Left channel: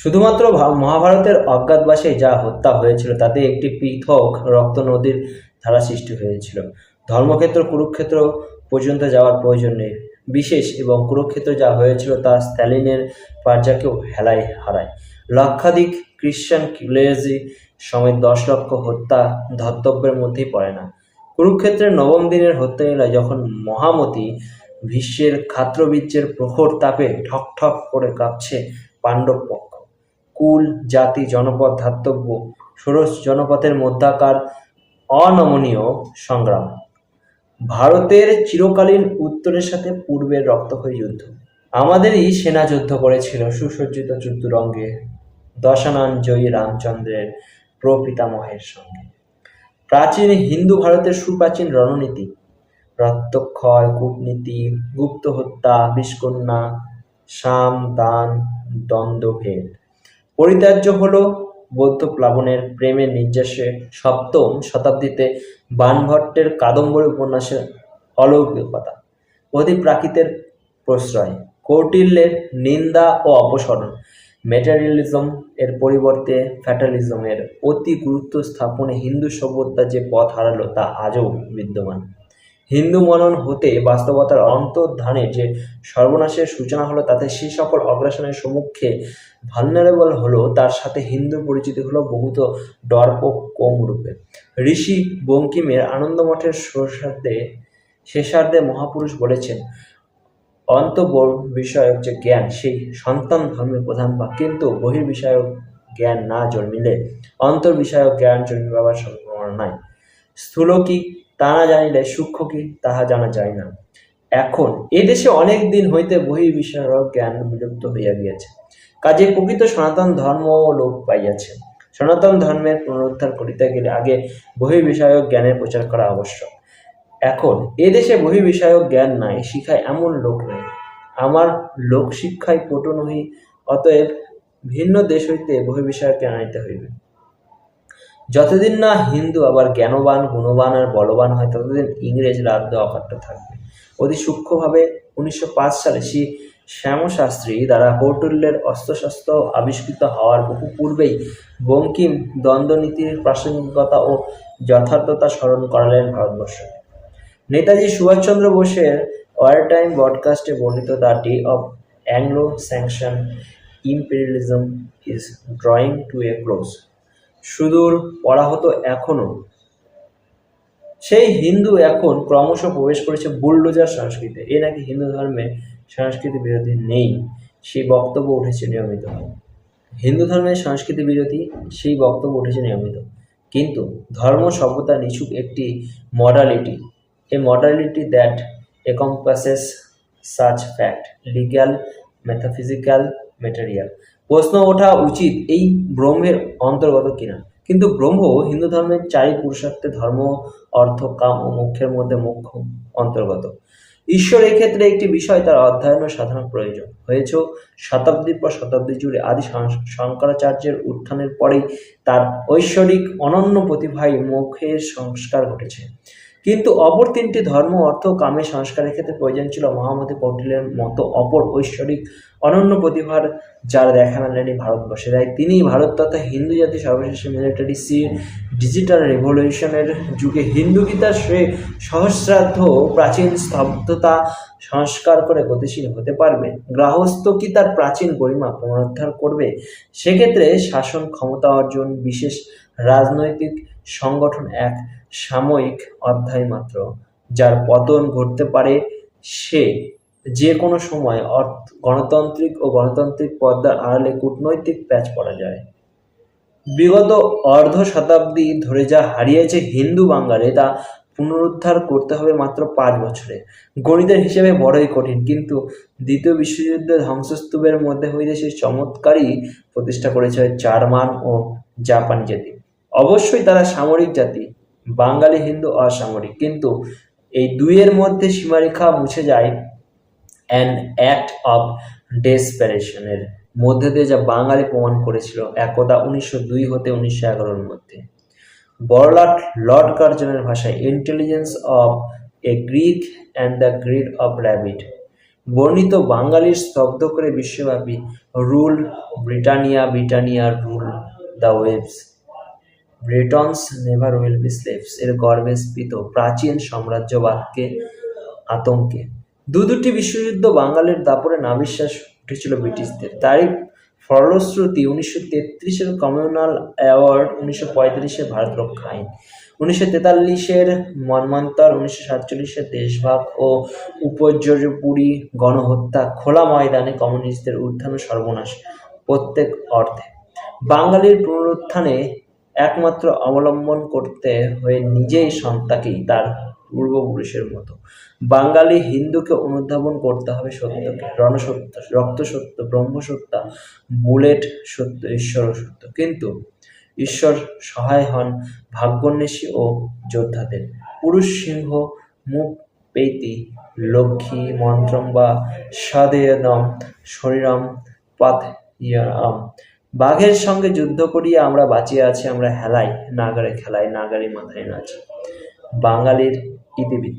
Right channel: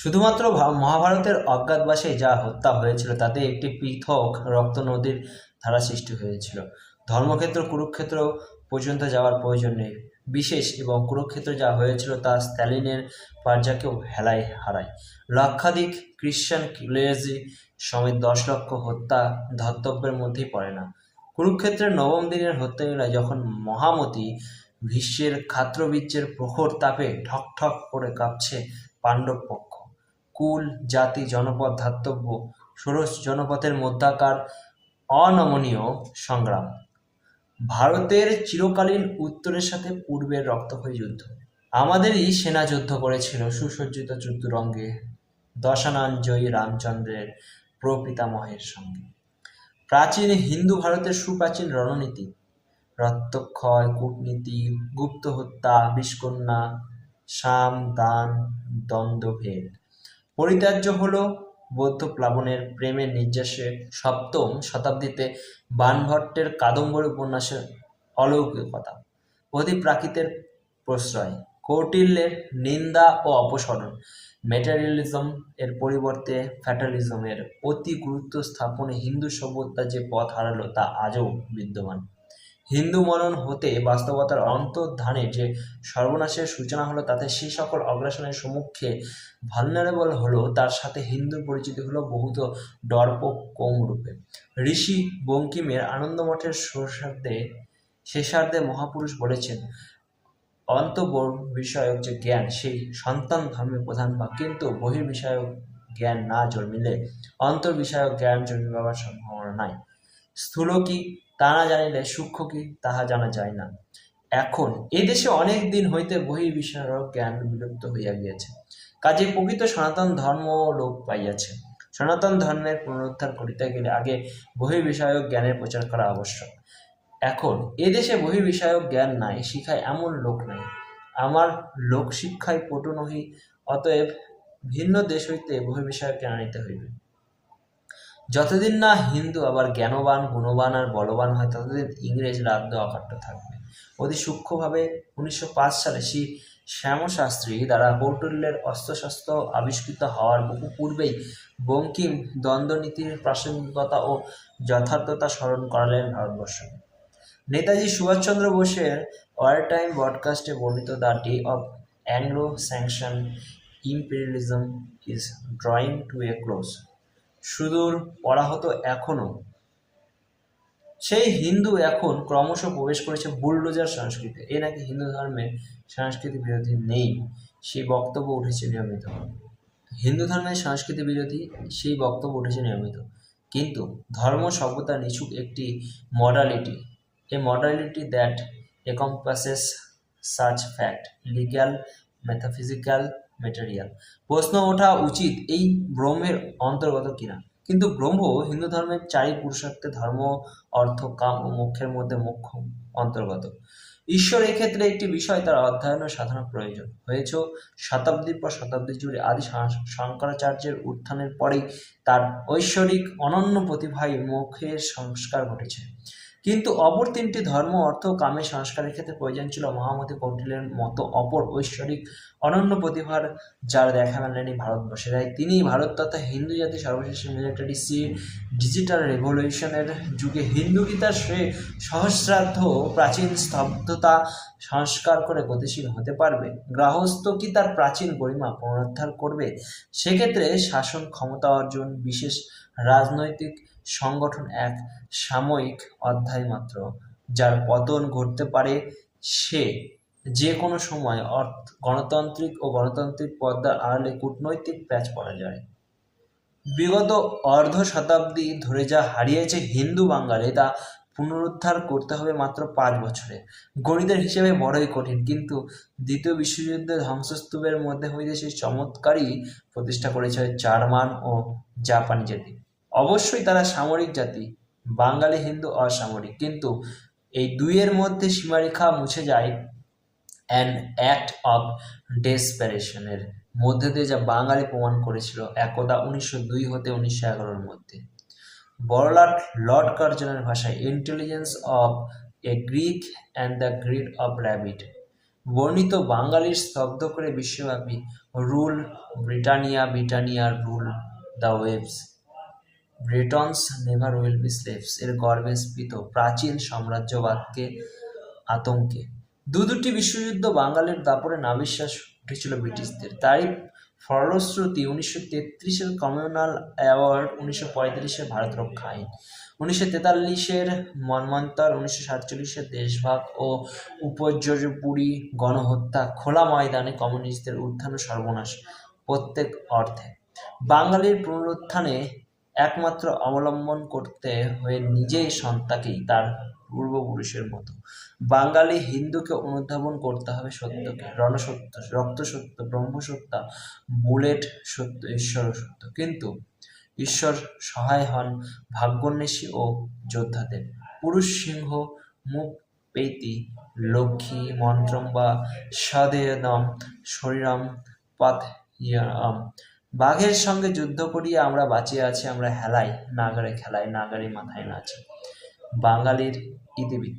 শুধুমাত্র মহাভারতের অজ্ঞাতবাসে যা হত্যা হয়েছিল তাতে একটি পৃথক রক্ত নদীর ধারা সৃষ্টি হয়েছিল। ধর্মক্ষেত্র কুরুক্ষেত্র পর্যন্ত যাওয়ার প্রয়োজন নেই। বিশেষ এবং কুরুক্ষেত্র যা হয়েছিল তা স্ট্যালিনের পার্জাকেও হেলায় হারায়। লক্ষাধিক খ্রিস্টান ক্লেজি সমেত 10 লক্ষ হত্যা ধর্তব্যের মধ্যেই পড়ে না। কুরুক্ষেত্রের নবম দিনের হত্যালীলা যখন মহামতি ভীষ্মের ক্ষাত্রবীর্যের প্রখর তাপে ঠক ঠক করে কাঁপছে পাণ্ডব পক্ষ। কুল, জাতি, জনপদ, ধাতব্য ষোড়শ জনপথের মধ্যাকার অনমনীয় সংগ্রাম। ভারতের চিরকালীন উত্তরের সাথে পূর্বের রক্তক্ষয়ী যুদ্ধ। আমাদেরই সেনা যুদ্ধ করেছিল সুসজ্জিত চতুরঙ্গে দশানন জয়ী রামচন্দ্রের প্রপিতামহের সঙ্গে। প্রাচীন হিন্দু ভারতের সুপ্রাচীন রণনীতি, রক্তক্ষয়, কূটনীতি, গুপ্ত হত্যা, বিষকন্যা, সাম দান, দ্বন্দ্বভেদ পরিত্যাজ্য হল বৌদ্ধ প্লাবনের প্রেমের নির্যাসে। সপ্তম শতাব্দীতে বাণভট্টের কাদম্বরী উপন্যাসের অলৌকিকতা, অধিপ্রাকৃতের প্রশ্রয়, কৌটিল্যের নিন্দা ও অপসরণ, ম্যাটেরিয়ালিজম এর পরিবর্তে ফ্যাটালিজমের অতি গুরুত্ব স্থাপনে হিন্দু সভ্যতা যে পথ হারালো তা আজও বিদ্যমান। হিন্দু মনন হতে বাস্তবতার অন্তর্ধানের যে সর্বনাশের সূচনা হলো তাতে সেই সকল অগ্রাসনের সম্মুখে ভালনারেবল হলো, তার সাথে হিন্দুর পরিচিতি হলো বহুত ডরপোক রূপে। ঋষি বঙ্কিমের আনন্দমঠের শেষার্ধে মহাপুরুষ বলেছেন, বিষয়ক যে জ্ঞান সেই সন্তান ধর্মের প্রধান ভাগ, কিন্তু বহির্বিষয়ক জ্ঞান না জন্মিলে বিষয়ক জ্ঞান জন্মিবার সম্ভাবনা নাই। স্থূল কি তা না জানিলে সূক্ষ্ম কি তাহা জানা যায় না। এখন এদেশে অনেক দিন হইতে বহির্বিষয়ক জ্ঞান বিলুপ্ত হইয়া গিয়াছে, কাজে প্রকৃত সনাতন ধর্ম লোপ পাইয়াছে। সনাতন ধর্মের পুনরুদ্ধার করিতে গেলে আগে বহির্বিষয়ক জ্ঞানের প্রচার করা আবশ্যক। এখন এদেশে বহির্বিষয়ক জ্ঞান নাই, শিখায় এমন লোক নাই। আমার লোকশিক্ষায় পটু নহি, অতএব ভিন্ন দেশ হইতে বহির্বিষয়ক জ্ঞান আনিতে হইবে। যতদিন না হিন্দু আবার জ্ঞানবান, গুণবান আর বলবান হয়, ততদিন ইংরেজ রাজ্য অকাট্য থাকবে। অতি সূক্ষ্মভাবে 1905 সালে শ্রী শ্যামশাস্ত্রী দ্বারা কৌটিল্যের অস্ত্রশস্ত্র আবিষ্কৃত হওয়ার বহু পূর্বেই বঙ্কিম দ্বন্দ্বনীতির প্রাসঙ্গিকতা ও যথার্থতা স্মরণ করালেন ভারতবর্ষকে। নেতাজি সুভাষচন্দ্র বোসের ওয়ারটাইম ব্রডকাস্টে বর্ণিত the day of Anglo Saxon imperialism is drawing to a close. সুদূর পড়া হতো এখনো। সেই হিন্দু এখন ক্রমশ প্রবেশ করেছে বুলডোজার সংস্কৃতি। এ নাকি হিন্দু ধর্মের সংস্কৃতি বিরোধী নেই, সেই বক্তব্য উঠেছে নিয়মিত। হিন্দু ধর্মের সংস্কৃতি বিরোধী সেই বক্তব্য উঠেছে নিয়মিত, কিন্তু ধর্ম সভ্যতা নিছক একটি modality, A modality that encompasses such fact, legal, metaphysical, material। প্রশ্ন ওঠা উচিত এই ব্রহ্মের অন্তর্গত কিনা। কিন্তু ব্রহ্ম হিন্দু ধর্মের 4 পুরুষার্থে ধর্ম, অর্থ, কাম ও মোক্ষের মধ্যে মোক্ষ অন্তর্গত। ঈশ্বর এক্ষেত্রে একটি বিষয়, তার অধ্যয়ন ও সাধনা প্রয়োজন হয়েছে শতাব্দীর পর শতাব্দী জুড়ে। আদি শঙ্করাচার্যের উত্থানের পরেই তার ঐশ্বরিক অনন্য প্রতিভায় মোক্ষের সংস্কার ঘটেছে। কিন্তু অপর 3টি ধর্ম, অর্থ ও কামের সংস্কারের ক্ষেত্রে প্রয়োজন ছিল মহামতি কৌটিল্যের মতো অপর ঐশ্বরিক অনন্য প্রতিভার, যার দেখা মেলেনি ভারতবর্ষে। তাই তিনি ভারত তথা হিন্দু জাতি সর্বশেষ মিলিটারি ডিজিটাল রেভলিউশনের যুগে হিন্দু গীতার সহস্রাব্দ প্রাচীন স্তব্ধতা সংস্কার করে গতিশীল হতে পারবে। গৃহস্থ কি তার প্রাচীন গরিমা পুনরুদ্ধার করবে? সেক্ষেত্রে শাসন ক্ষমতা অর্জন, বিশেষ রাজনৈতিক সংগঠন এক সাময়িক অধ্যায় মাত্র। যার পতন ঘটতে পারে সে যে কোনো সময়। গণতান্ত্রিক ও গণতান্ত্রিক পর্দার আড়ালে কূটনৈতিক প্যাচ পড়া যায়। বিগত অর্ধ শতাব্দী ধরে যা হারিয়েছে হিন্দু বাঙালি, তা পুনরুদ্ধার করতে হবে মাত্র 5 বছরে। গণিতের হিসেবে বড়ই কঠিন, কিন্তু দ্বিতীয় বিশ্বযুদ্ধে ধ্বংসস্তূপের মধ্যে হইতে সেই চমৎকারই প্রতিষ্ঠা করেছে জার্মান ও জাপানি জাতি। অবশ্যই তারা সামরিক জাতি, বাঙালি হিন্দু অসামরিক, কিন্তু এই দুইয়ের মধ্যে সীমারেখা মুছে যায় অ্যান অ্যাক্ট অফ ডেসপারেশনের মধ্যে দিয়ে, যা বাঙালি প্রমাণ করেছিল একদা 1902 হতে 1911 মধ্যে। বড়লাট লর্ড কার্জনের ভাষায়, intelligence of a Greek and the greed of rabbit বর্ণিত বাঙালির স্তব্ধ করে বিশ্বব্যাপী rule Britannia, Britannia rule the waves, Britons never will be slaves এর গর্বে স্ফীত প্রাচীন সাম্রাজ্যবাদকে আতঙ্কে। দুটি বিশ্বযুদ্ধ বাঙালির দাপটে নাভিশ্বাস উঠেছিল ব্রিটিশদের। তারই ফলশ্রুতি 1933-এর কমিউনাল অ্যাওয়ার্ড, 1935-এর ভারত রক্ষা আইন, 1943-এর মন্বন্তর, 1947-এর দেশভাগ ও উপর্যুপুরি গণহত্যা, খোলা ময়দানে কমিউনিস্টদের উত্থান ও সর্বনাশ প্রত্যেক অর্থে। বাঙালির পুনরুত্থানে একমাত্র অবলম্বন করতে হয়ে নিজেই সত্তাকেই তার পূর্বপুরুষের মতো। বাঙালি হিন্দুকে অনুধাবন করতে হবে সত্যকে, রণসত্য, রক্তসত্য, ব্রহ্মসত্য, বুলেট সত্য, ঈশ্বর সত্য। কিন্তু ঈশ্বর সহায় হন ভাগ্যোন্বেষী ও যোদ্ধাদের। পুরুষ সিংহ মুখ পেইতি লক্ষ্মী মন্ত্রম বা সদেয়দম শরীরম পাথইয়াম। বাঘের সঙ্গে যুদ্ধ করিয়া আমরা বাঁচিয়া আছি, আমরা হেলাই নাগারে খেলাই, নাগারে মাথায় নাচি। বাঙালির ইতিবৃত্ত।